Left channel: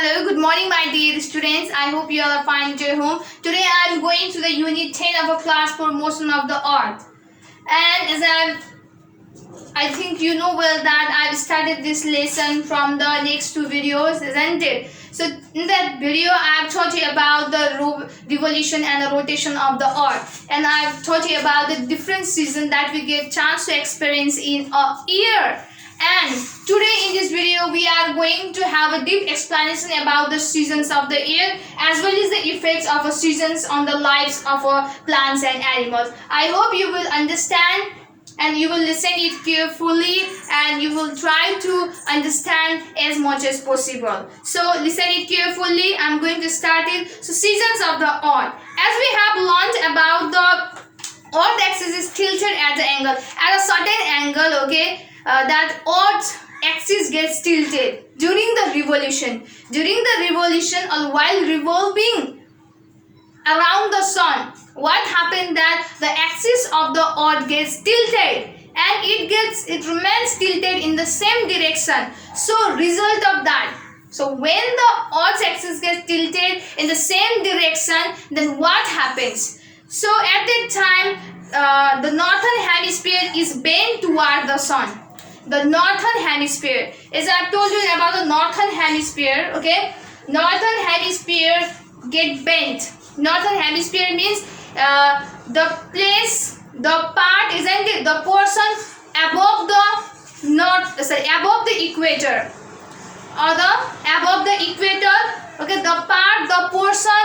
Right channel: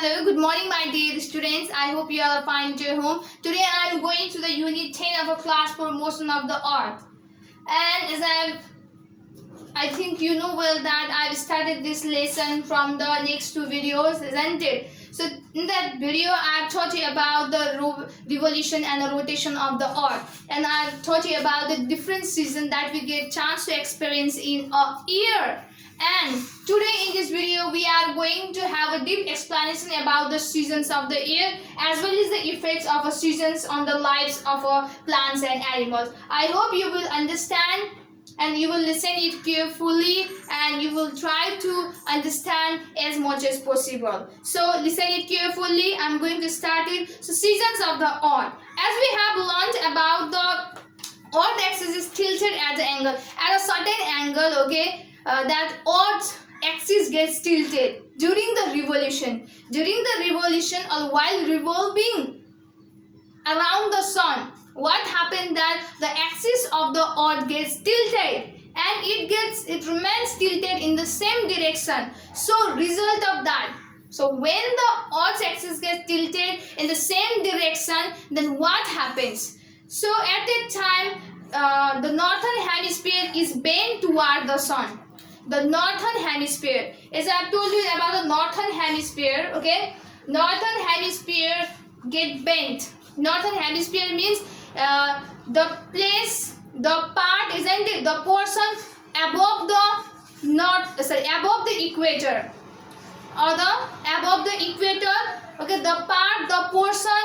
Hello, good morning my dear students. I hope you all are fine at your home. Today I am going to the unit 10 of a class for motion of the earth. And as I think you know well that I've started this lesson from the next two videos, isn't it? So in that video I've taught you about the revolution and the rotation of the earth. And I've taught you about the different seasons that we get chance to experience in a year. And today in this video we are going to have a deep explanation about the seasons of the year as well as the effects of the seasons on the lives of plants and animals. I hope you will understand and you will listen it carefully and you will try to understand as much as possible. So listen it carefully. I'm going to start it. So seasons of the earth. As we have learned about the earth axis is tilted at the angle, at a certain angle, okay, that earth axis gets tilted during the revolution. During the revolution or while revolving around the sun, what happened that the axis of the earth gets tilted and it remains tilted in the same direction. So result of that, so when the earth's axis gets tilted in the same direction, then what happens? So at that time the northern hemisphere is bent toward the sun. The northern hemisphere, as I've told you about the northern hemisphere, okay, northern hemisphere get bent. Northern hemisphere means the place, the part, isn't it, the portion above the above the equator, or the above the equator, okay, the part, the portion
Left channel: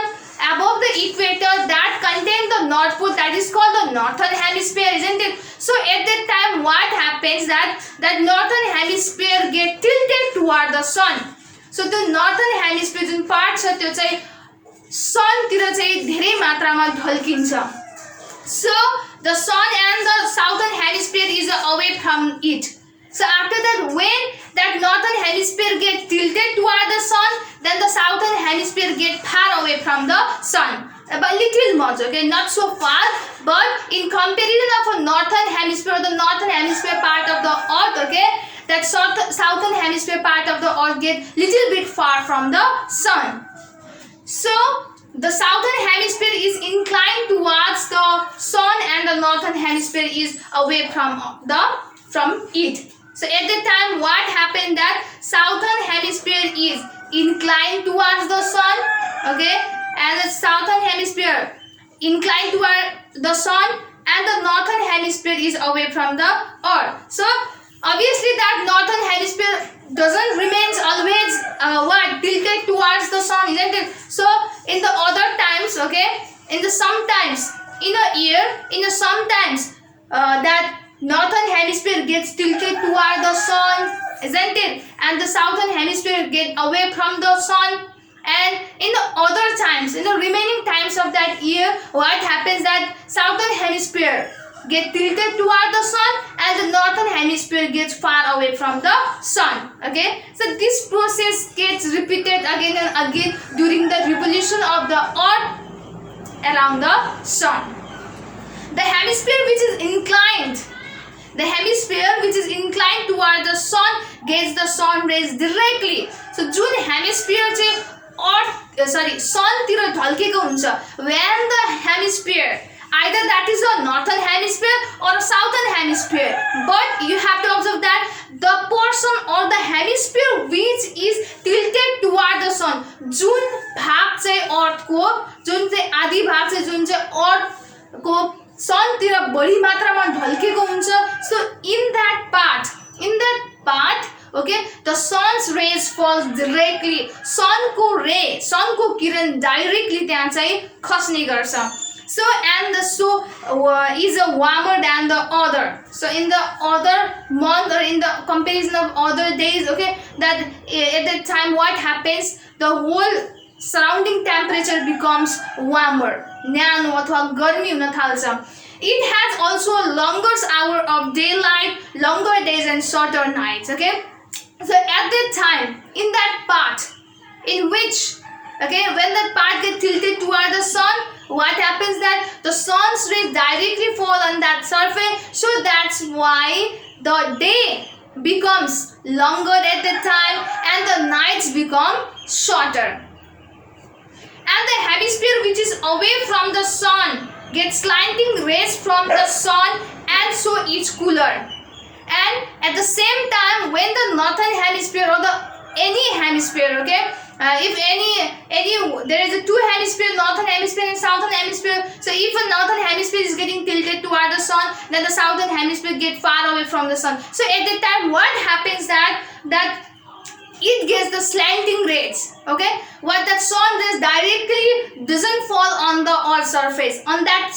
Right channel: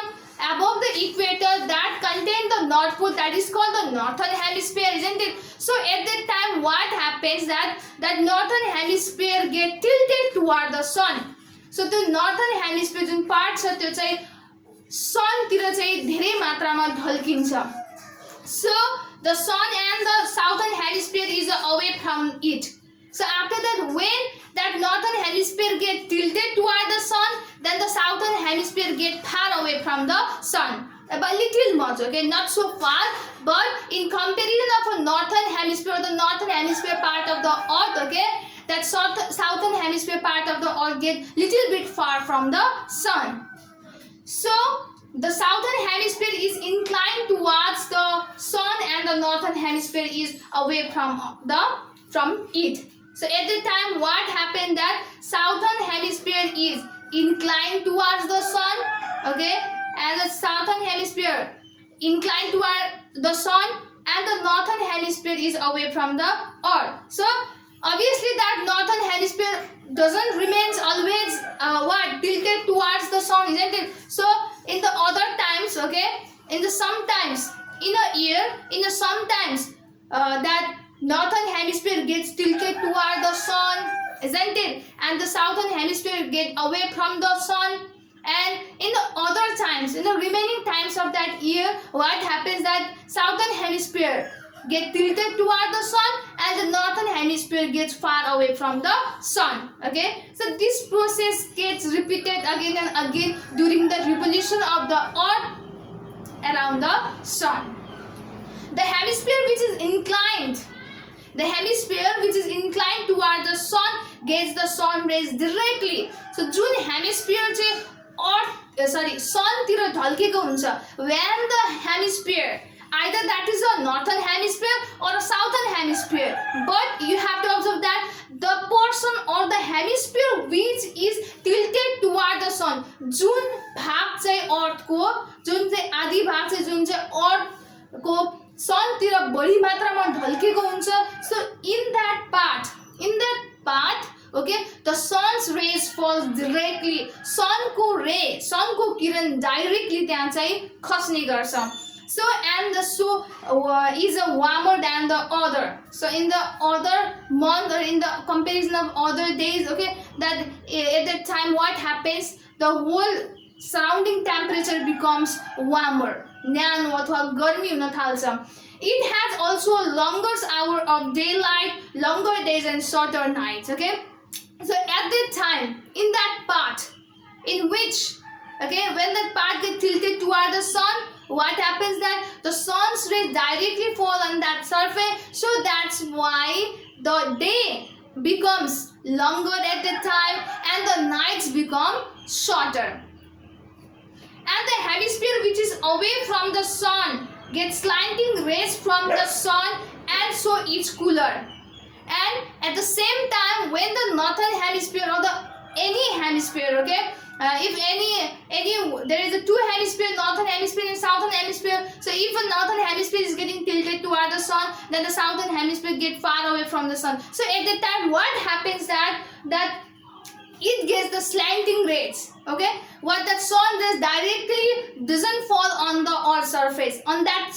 above the equator that contain the north pole, that is called the northern hemisphere, isn't it? So at that time what happens that northern hemisphere get tilted toward the sun. So the northern hemisphere Jun part छ त्यो चाहिँ sun तिर चाहिँ धेरै मात्रामा ढल्किन्छ. So the sun and the southern hemisphere is away from it. So after that, when that northern hemisphere get tilted toward the sun, then the southern hemisphere get far away from the sun. But little much, okay, not so far, but in comparison of a northern hemisphere, the northern hemisphere part of the earth, okay, that southern hemisphere part of the earth get little bit far from the sun. So the southern hemisphere is inclined towards the sun and the northern hemisphere is away from it. So at the time what happened that southern hemisphere is inclined towards the sun, okay, and the southern hemisphere inclined toward the sun and the northern hemisphere is away from the earth. So obviously that northern hemisphere doesn't remains always tilted towards the sun, isn't it? So in the other times, okay, in the sometimes in a year, in the sometimes that northern hemisphere gets tilted toward the sun, isn't it? And the southern hemisphere get away from the sun. And in the other times, in the remaining times of that year, what happens that southern hemisphere get tilted toward the sun and the northern hemisphere gets far away from the sun, okay. So this process gets repeated again and again during the revolution of the earth around the sun. The hemisphere which is inclined toward the sun gets the sun rays directly. So Jun hemisphere चाहिँ sun तिर ढल्केको हुन्छ, when the hemisphere, either that is the northern hemisphere or southern hemisphere, but you have to observe that the portion or the hemisphere which is tilted toward the sun, जुन भाग चाहिँ earth को, जुन चाहिँ आधी भाग चाहिँ जुन चाहिँ earth को sun तिर बढी मात्रामा ढल्केको हुन्छ. So in that part, okay, the sun's rays falls directly, sun को किरण directly त्यहाँ चाहिँ खस्ने गर्छ. So and the is a warmer than the other. So in the other month or in the comparison of other days, okay, that at that time what happens, the whole surrounding temperature becomes warmer, न्यानो अथवा गर्मी हुन थाल्छ. It has also longer hour of daylight, longer days and shorter nights, okay. So at that time, in that part in which, okay, when that part gets tilted toward the sun, what happens that the sun's rays directly fall on that surface. So that's why the day becomes longer at that time and the nights become shorter. And the hemisphere which is away from the sun gets slanting rays from the sun, and so it's cooler. And at the same time, when the northern hemisphere or the any hemisphere, okay, if any there is a two hemisphere, northern hemisphere and southern hemisphere. So if a northern hemisphere is getting tilted toward the sun, then the southern hemisphere get far away from the sun. So at that time, what happens that it gets the slanting rays, okay, what the sun rays directly doesn't fall on the earth surface, on that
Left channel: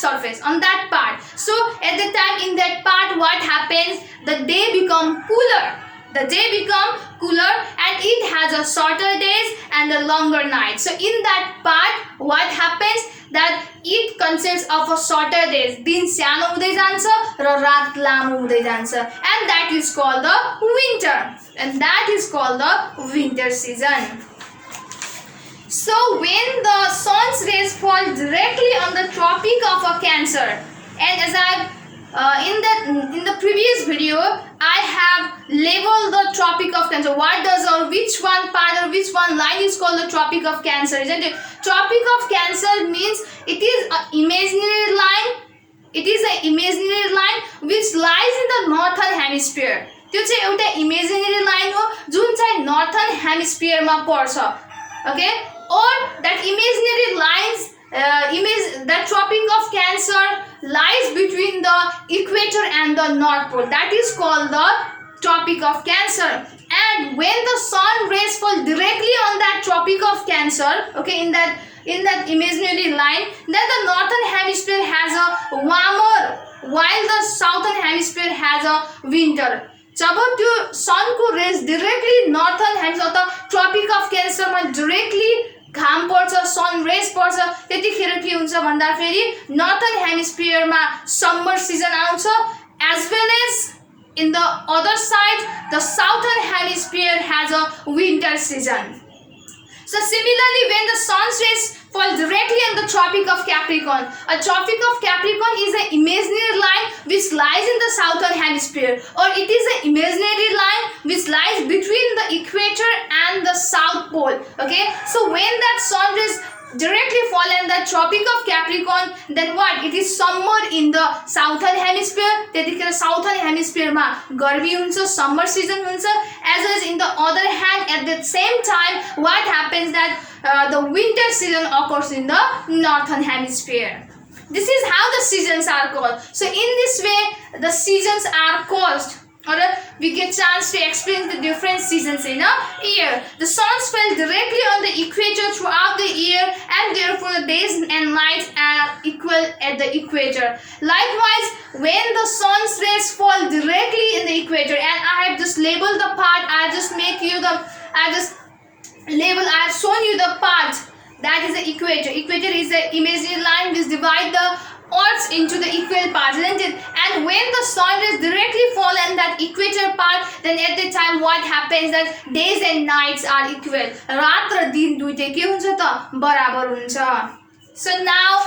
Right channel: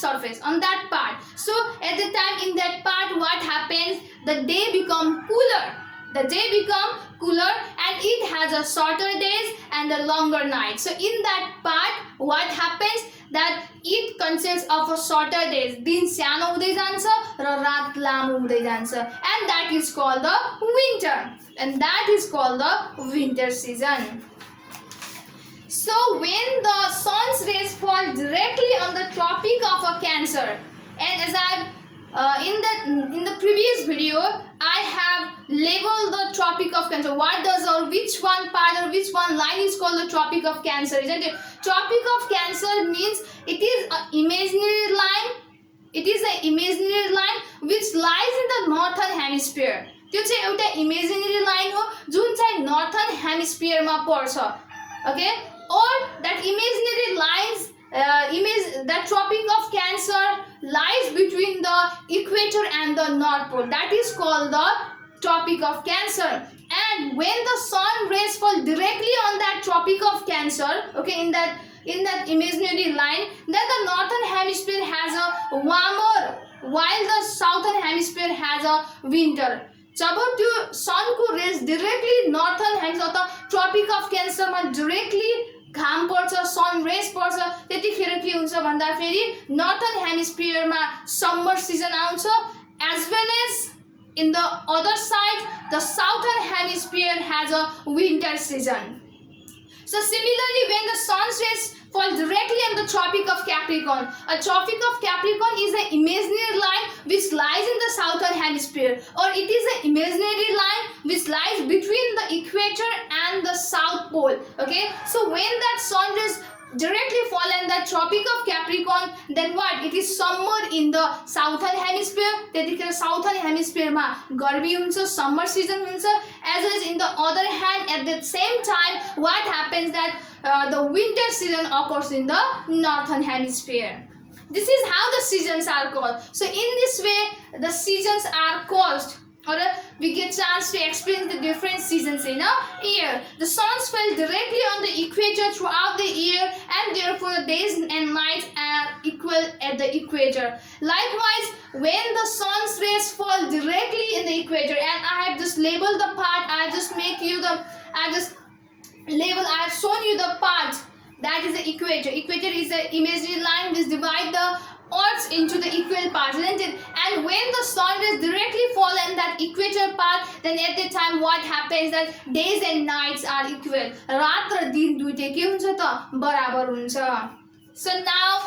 part. So at the time, in that part, what happens, the day become cooler, and it has a shorter days and a longer night. So in that part, what happens, that it consists of a shorter days, दिन सानो हुँदै जान्छ र रात लामो हुँदै जान्छ, and that is called the winter season. So when the sun's rays fall directly on the Tropic of Cancer, and as I in the previous video, I have labeled the Tropic of Cancer. What does, or which one part or which one line is called the Tropic of Cancer, isn't it? Tropic of Cancer means it is an imaginary line. It is an imaginary line which lies in the northern hemisphere. त्यो चाहिँ एउटा imaginary line हो जुन चाहिँ northern hemisphere मा पर्छ, okay? Or that imaginary lines, that Tropic of Cancer lies between the equator and the North Pole. That is called the Tropic of Cancer. And when the sun rays fall directly on that Tropic of Cancer, okay, in that imaginary line, then the northern hemisphere has a warmer, while the southern hemisphere has a winter. जब त्यो सनको raise directly नर्थन hemisphere अथवा trophic of क्यान्सरमा directly घाम पर्छ, sun rays पर्छ, त्यतिखेर के हुन्छ भन्दा फेरि नर्थन हेमिस्फियरमा समर सिजन आउँछ, as well as in the other side the southern hemisphere has a winter season. So similarly, when the sun's rays fall directly on the Tropic of Capricorn, a Tropic of Capricorn is an imaginary line which lies in the southern hemisphere, or it is an imaginary line which lies between the equator and the south pole, okay? So when that sun rays directly fall in the Tropic of Capricorn, then what? It is summer in the southern hemisphere. त्यतिखेर southern hemisphere मा गर्मी हुन्छ, summer season हुन्छ, as well as in the other hand, at the same time, what happens that the winter season occurs in the northern hemisphere. This is how the seasons are called. So in this way, the seasons are caused, or we get chance to explain the different seasons in a year. The suns fell directly on the equator throughout the year, and therefore the days and nights are equal at the equator. Likewise, when the sun's rays fall directly in the equator, and I have just labeled the part, I have shown you the part that is the equator. Equator is the imaginary line which divides the Earth into the equal parts, isn't it? And when the sun rays directly fall in that equator part, then at the time what happens that days and nights are equal. रात र दिन दुईटै के हुन्छ त बराबर हुन्छ. So now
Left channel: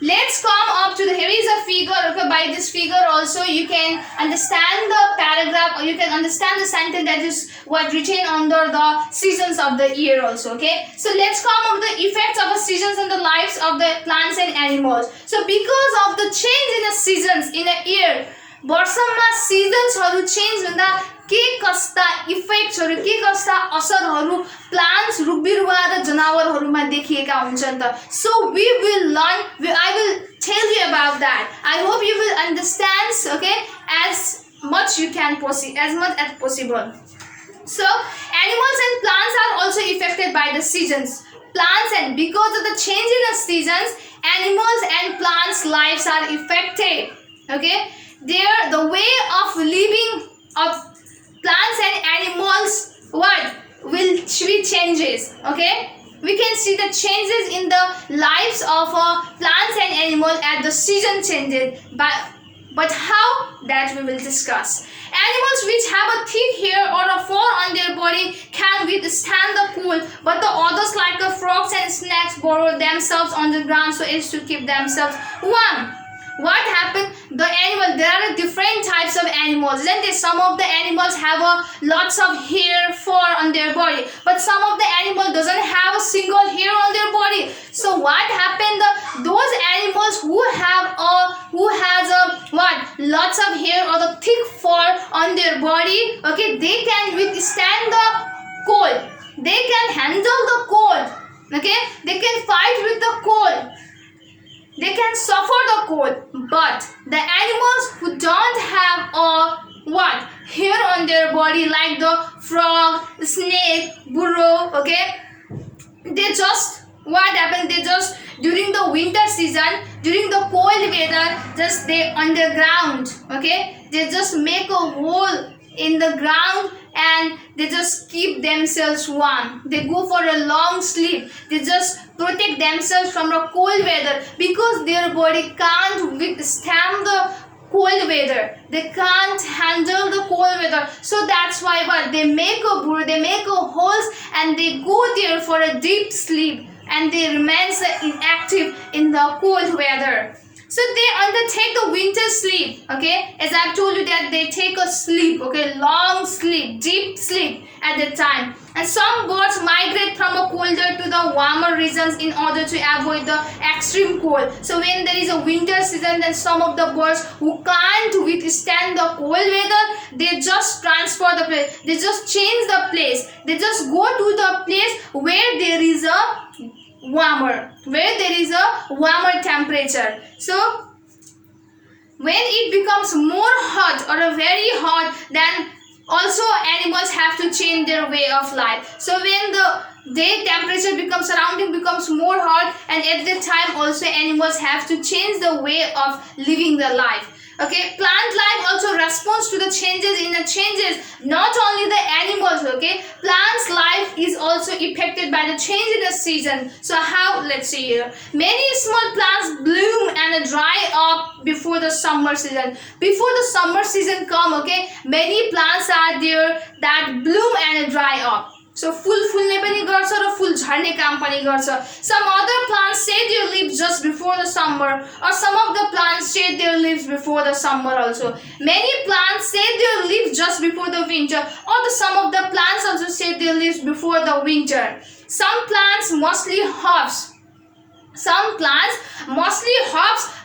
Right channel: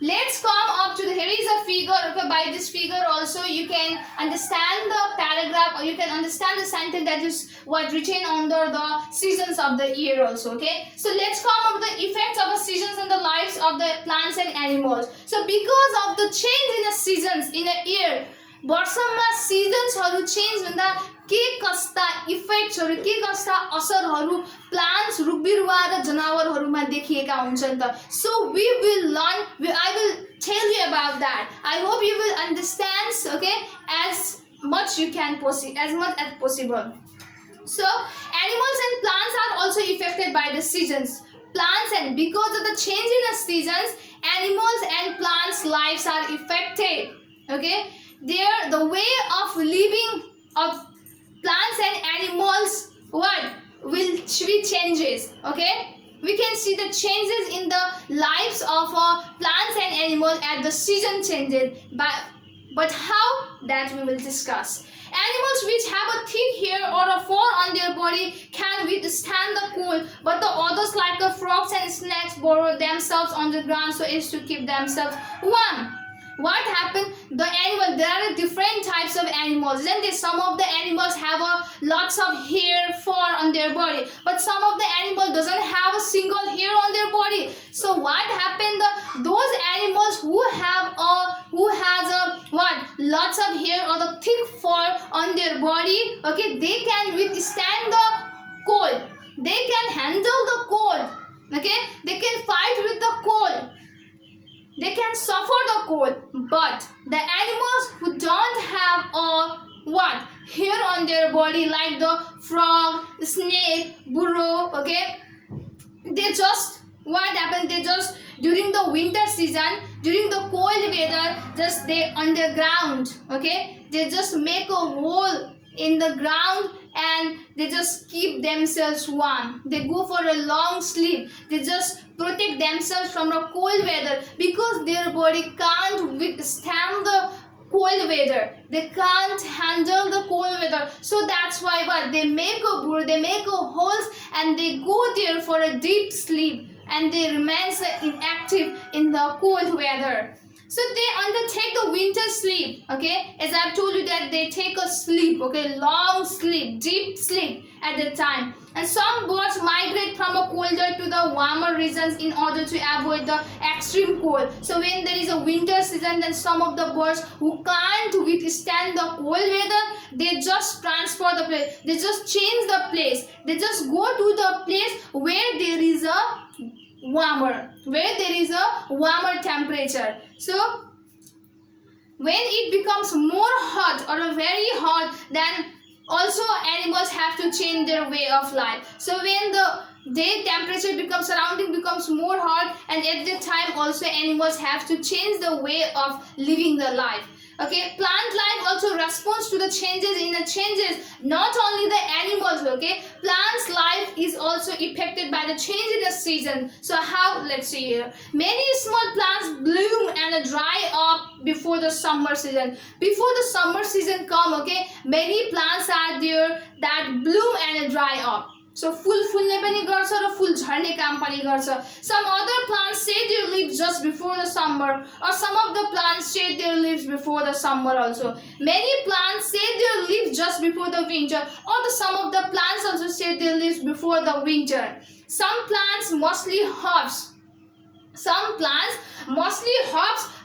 let's come up to here is a figure. Okay, by this figure also you can understand the paragraph, or you can understand the sentence that is what written under the seasons of the year also. Okay, so let's come up the effects of the seasons in the lives of the plants and animals. So because of the change in the seasons in a year, वर्षमा सिजन्सहरु change हुँदा के कस्ता इफेक्ट्सहरु, के कस्ता असरहरु plants, रुख बिरुवा र जनावरहरुमा देखिएका हुन्छन् त. So we will learn, I will tell you about that. I hope you will understand, okay, as much as possible. So animals and plants are also affected by the seasons. Plants, and because of the change in the seasons, animals and plants' lives are affected. Okay, the way of living of plants and animals will be changes. Okay, we can see the changes in the lives of plants and animals as the season changes. But how, that we will discuss. Animals which have a thick hair or a fur on their body can withstand the cold, but the others like the frogs and snakes burrow themselves on the ground so as to keep themselves warm. what happened, the animal, there are different types of animals, isn't it? Some of the animals have lots of hair, fur on their body, but some of the animal doesn't have a single hair on their body. So what happened, those animals who has lots of hair or the thick fur on their body, okay, they can withstand the cold, they can handle the cold, okay, they can fight with the cold, they can suffer the cold. But the animals who don't have hair on their body, like the frog, snake, burrow, okay, they just, what happened, they just during the winter season, during the cold weather, just they on the ground, okay, they just make a hole in the ground and they just keep themselves warm. They go for a long sleep, they just protect themselves from the cold weather, because their body can't withstand the cold weather, they can't handle the cold weather. So that's why what they make a burrow, they make a holes, and they go there for a deep sleep, and they remain inactive in the cold weather. So they undertake the winter sleep, okay, as I've told you that they take a sleep, okay, long sleep, deep sleep at the time. And some birds migrate from a colder to the warmer regions in order to avoid the extreme cold. So when there is a winter season, then some of the birds who can't withstand the cold weather, they just transfer the place, they just change the place, they just go to the place where there is a warmer temperature. So when it becomes more hot or a very hot, then also animals have to change their way of life. So when the day temperature becomes, surrounding becomes more hot, and at that time also animals have to change the way of living their life. Okay, plant life also responds to the changes in the changes, not only the animals, okay, plants life is also affected by the change in the season. So how, let's see here, many small plants bloom and dry up before the summer season. Before the summer season come, okay, many plants are there that bloom and dry up. So full पनि गर्छ र full झर्ने काम पनि गर्छ. Some other plants shed their leaves just before the summer, or some of the plants shed their leaves before the summer also. Many plants shed their leaves just before the winter, or some of the plants also shed their leaves before the winter. Some plants, mostly hops,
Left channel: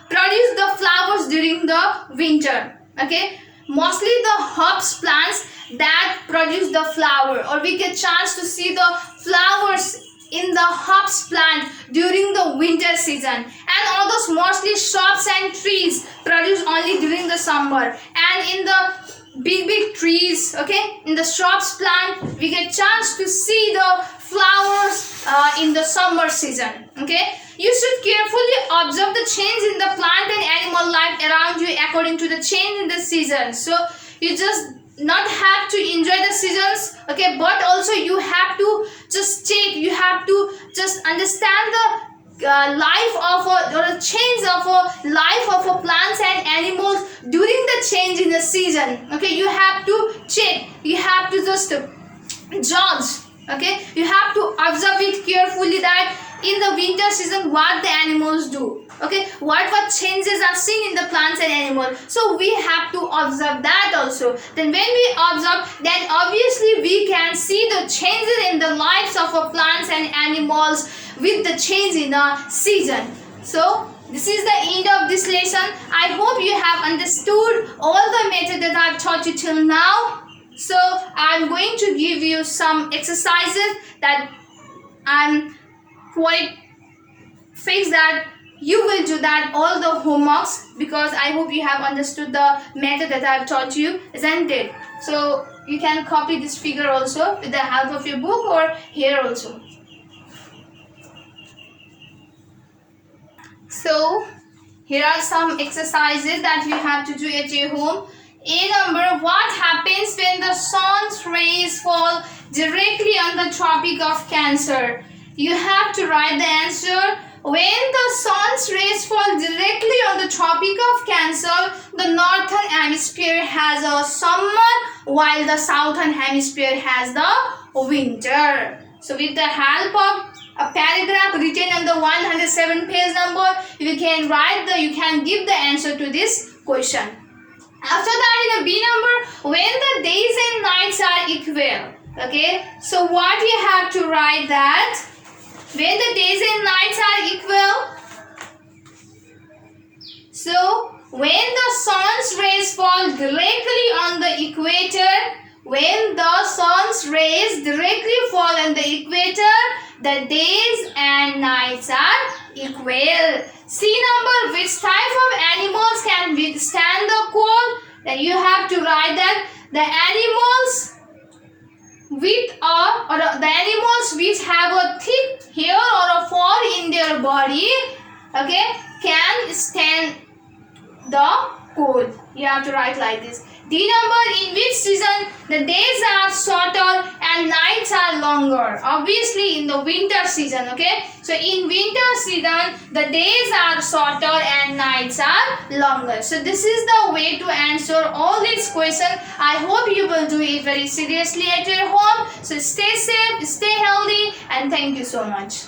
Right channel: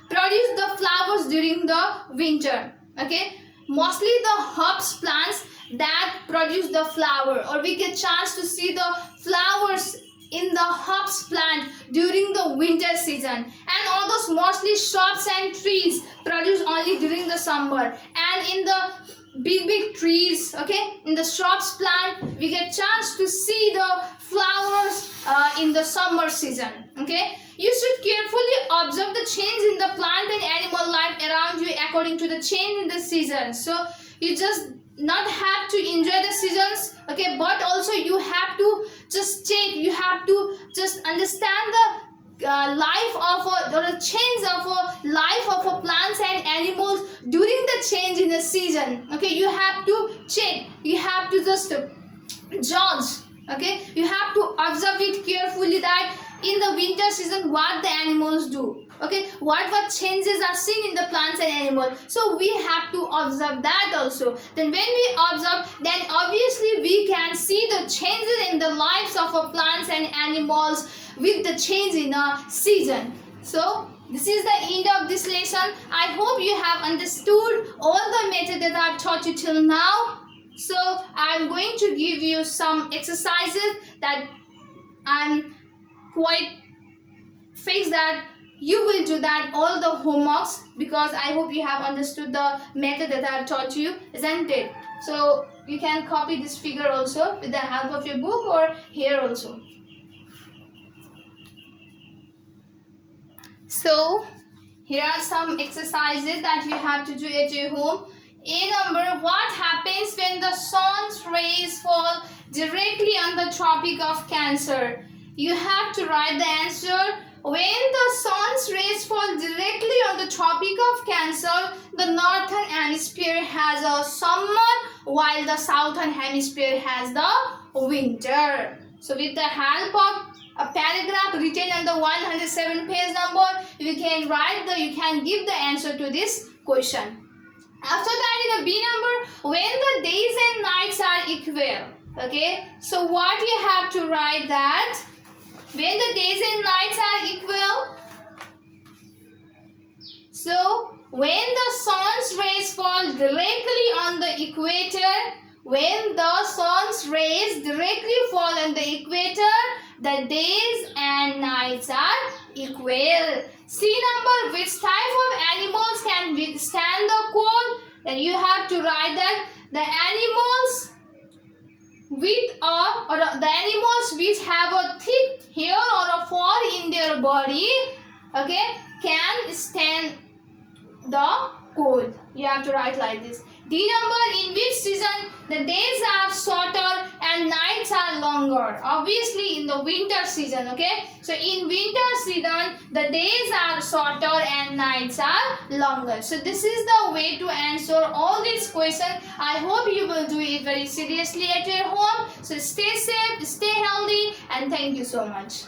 produce the flowers during the winter. Okay, mostly the hops plants that produce the flower, or we get chance to see the flowers in the hops plant during the winter season. And all those mostly shrubs and trees produce only during the summer. And in the big trees, okay, in the shrubs plant, we get chance to see the flowers in the summer season. Okay, you should carefully observe the change in the plant and animal life around you according to the change in the season. So you just not have to enjoy the seasons, okay, but also you have to just take, you have to just understand the life of or the change of a life of a plants and animals during the change in the season. Okay, you have to check, you have to just judge, okay, you have to observe it carefully that in the winter season what the animals do, okay, what changes are seen in the plants and animals. So we have to observe that also. Then when we observe, then obviously we can see the changes in the lives of our plants and animals with the change in the season. So this is the end of this lesson. I hope you have understood all the method that I've taught you till now. So I'm going to give you some exercises that I'm quite fixed that you will do that all the homeworks, because I hope you have understood the method that I have taught you, isn't it? So you can copy this figure also with the help of your book or here also. So here are some exercises that you have to do at your home. A number, what happens when the sun's rays fall directly on the Tropic of Cancer? You have to write the answer. When the sun's rays fall directly on the Tropic of Cancer, the northern hemisphere has a summer while the southern hemisphere has the winter. So with the help of a paragraph written on the 107 page number. You can give the answer to this question. After that, in the B number, when the days and nights are equal. Okay, so what we have to write that when the days and nights are equal. So when the sun's rays fall directly on the equator, when the sun's rays directly fall on the equator, the days and nights are equal. C number, which type of animals can withstand the cold? Then you have to write that the animals the animals which have a thick hair or a fur in their body, okay, can stand the cold. You have to write like this. D number, in which season the days are shorter and nights are longer? Obviously in the winter season, okay. So in winter season the days are shorter and nights are longer. So this is the way to answer all these questions. I hope you will do it very seriously at your home. So stay safe, stay healthy, and thank you so much.